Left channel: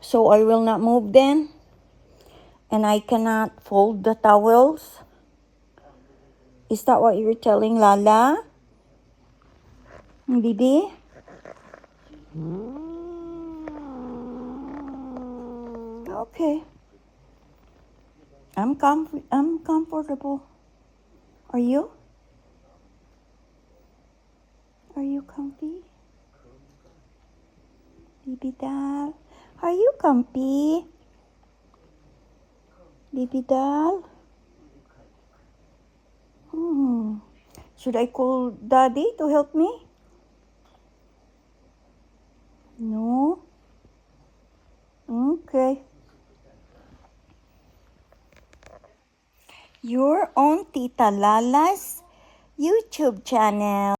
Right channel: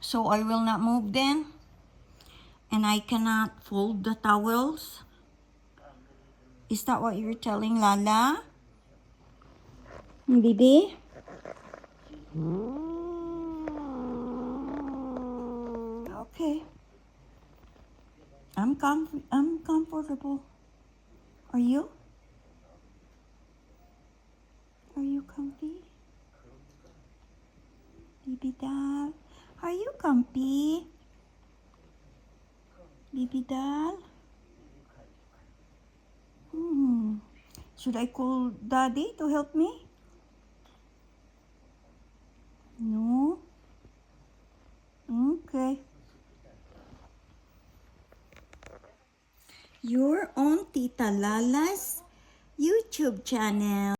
So I will not move then? And I cannot fold the towels? Is that what you're telling Lala? Baby? Okay. I'm comfortable. Are you? Are you comfy? Baby doll? Are you comfy? Baby doll? Should I call Daddy to help me? No? Okay. You're on Tita Lala's YouTube channel.